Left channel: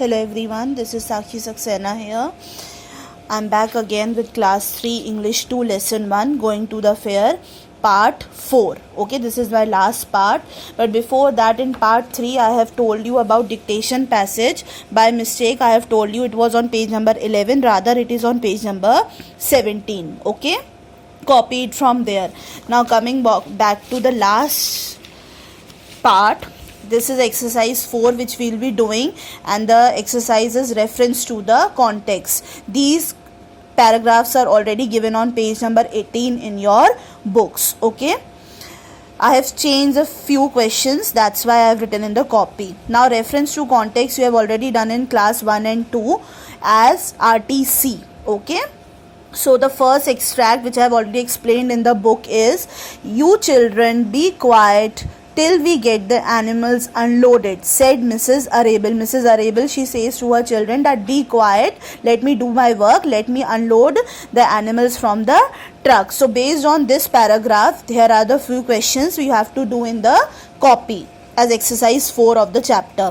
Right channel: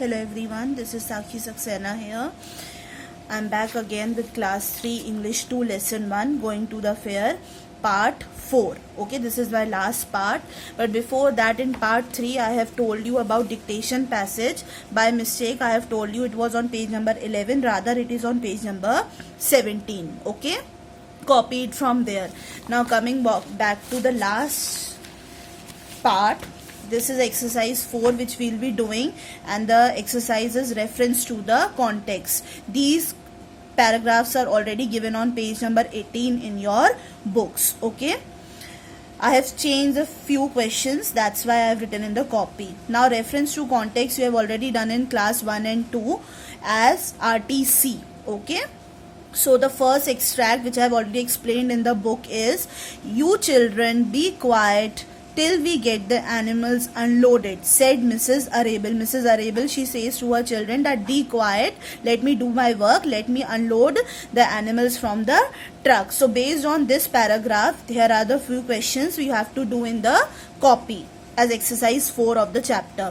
Hello everyone, this is Sakshi Saxena here. I'm back again with class 3 English 2 lesson 1 going to the fair part 4. Okay, this is my last part, but before that in part 3 I have told you about dictation passage. By mistake I have told you it was on page number 11, rather it is on page number 17. Okay, copy it from there. Now coming back to the last part. This is exercise 4 which we will be doing, and the exercise is reference to the context. These paragraphs are already given on page number 18 in your books. Okay, I have changed a few questions, that's why I have written in the copy. Now reference to context you have already done in class 1 and 2 as RTC. Okay, so the first extract which I have already explained in the book is, "You children be quiet till we get the animals unloaded," said Mrs. Arable. Mrs. Arable, she says to her children that be quiet, let me do my work, let me unload the animals from the truck. So based on this paragraph, here are the few questions we have to do in the copy as exercise 4 of the chapter.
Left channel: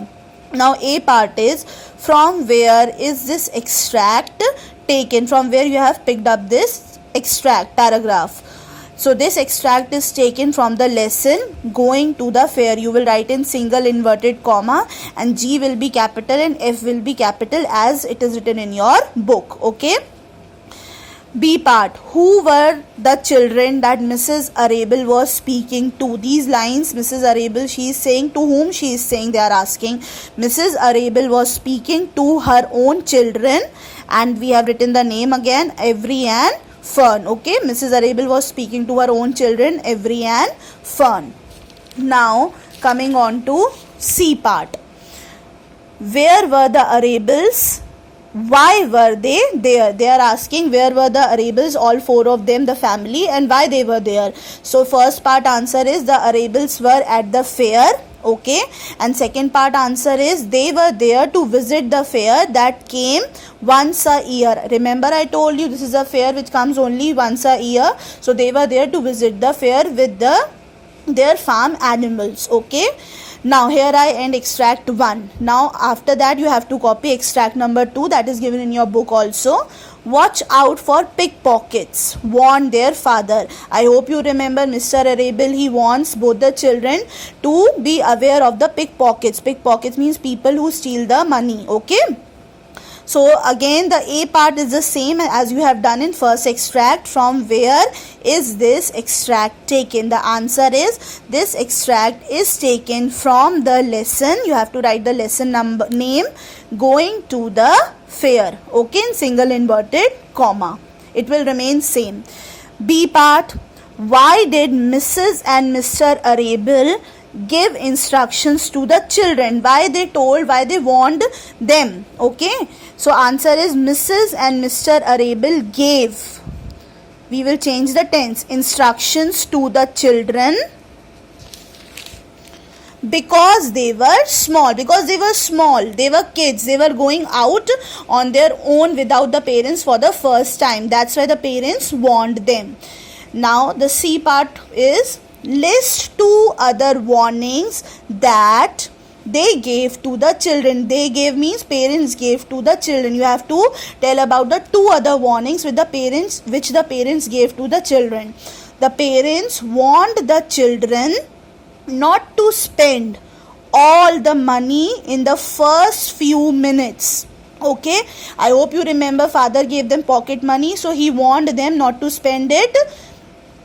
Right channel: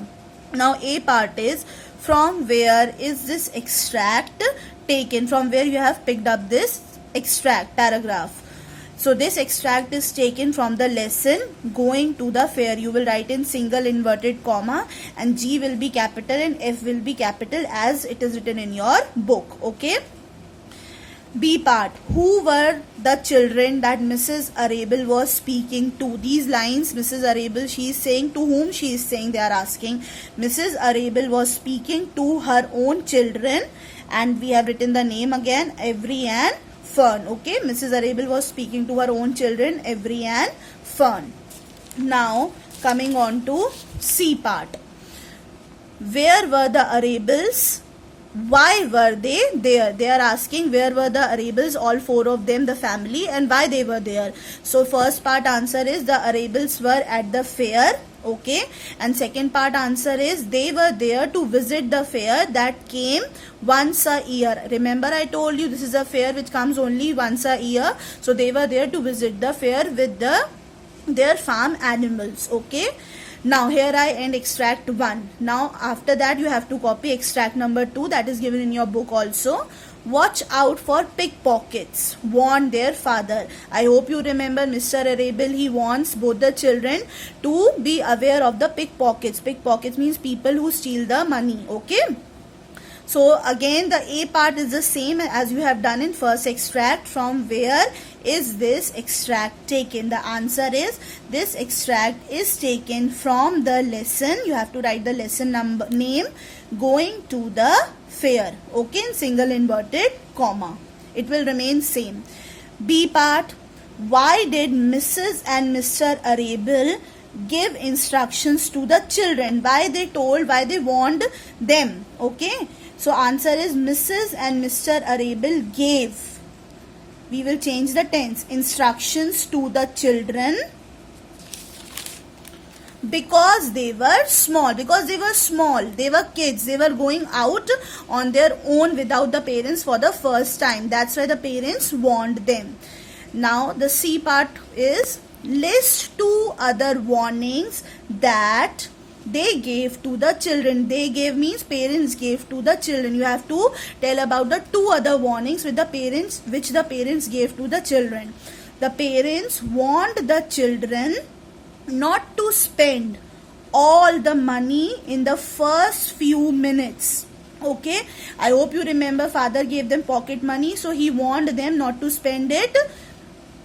Now A part is, from where is this extract taken? From where you have picked up this extract paragraph? So this extract is taken from the lesson going to the fair. You will write in single inverted comma, and G will be capital and F will be capital as it is written in your book. Okay. B part, who were the children that Mrs. Arable was speaking to? These lines, Mrs. Arable, she is saying to whom she is saying, they are asking. Mrs. Arable was speaking to her own children, and we have written the name again, Avery and Fern. Okay, Mrs. Arable was speaking to her own children, Avery and Fern. Now coming on to C part, where were the Arables? Why were they there? They are asking where were the Arables, all 4 of them, the family, and why they were there. So first part answer is the Arables were at the fair. Okay, and second part answer is they were there to visit the fair that came once a year. Remember I told you this is a fair which comes only once a year. So they were there to visit the fair with their farm animals. Okay, now here I end extract 1. Now after that you have to copy extract number 2, that is given in your book also. Watch out for pickpockets, warned their father. I hope you remember Mr. Arable, he warns both the children to be aware of the pickpockets. Pickpockets means people who steal the money. Okay. So again the A part is the same as you have done in first extract. From where is this extract taken? The answer is this extract is taken from the lesson. You have to write the lesson number name, going to the fair. Okay, in single inverted comma. It will remain same. B part, why did Mrs. and Mr. Arable give instructions to the children? Why they told, why they warned them? Okay, so answer is Mrs. and Mr. Arable gave, we will change the tense, instructions to the children because they were small. Because they were small, they were kids, they were going out on their own without the parents for the first time. That's why the parents warned them. Now the C part is, list 2 other warnings that they gave to the children. They gave means parents gave to the children. You have to tell about the 2 other warnings with the parents, which the parents gave to the children. The parents warned the children not to spend all the money in the first few minutes. Okay, I hope you remember father gave them pocket money, so he warned them not to spend it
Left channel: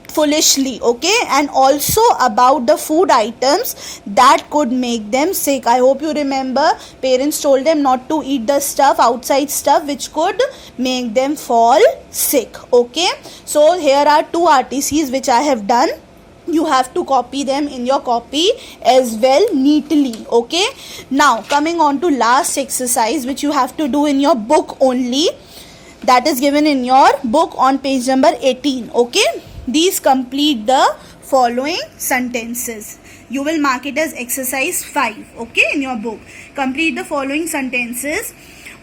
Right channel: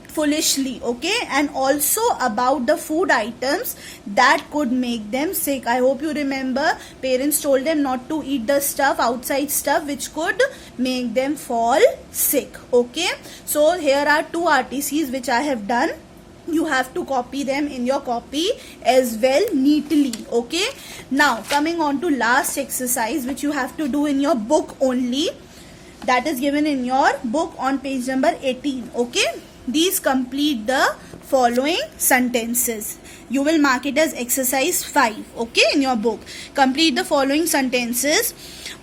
foolishly. Okay, and also about the food items that could make them sick. I hope you remember parents told them not to eat the stuff, outside stuff, which could make them fall sick. Okay, so here are 2 RTCs which I have done. You have to copy them in your copy as well neatly. Okay, now coming on to last exercise which you have to do in your book only, that is given in your book on page number 18. Okay, these complete the following sentences. You will mark it as exercise 5, okay, in your book. Complete the following sentences.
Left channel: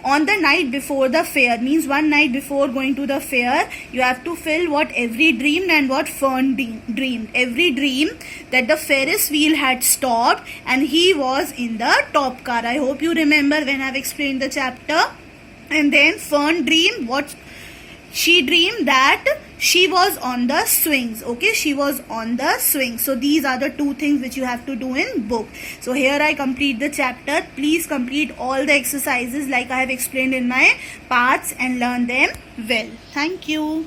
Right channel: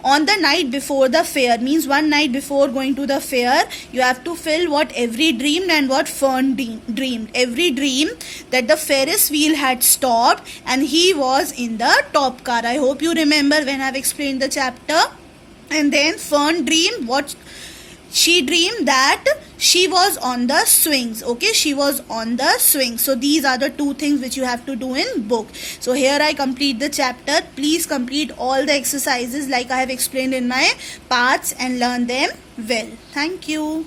On the night before the fair means one night before going to the fair, you have to fill what Every dreamed and what Fern dreamed. Every dreamed that the Ferris wheel had stopped and he was in the top car. I hope you remember when I've explained the chapter. And then Fern dreamed what? She dreamed that she was on the swings. Okay, she was on the swings. So these are the two things which you have to do in book. So here I complete the chapter. Please complete all the exercises like I have explained in my parts and learn them well. Thank you.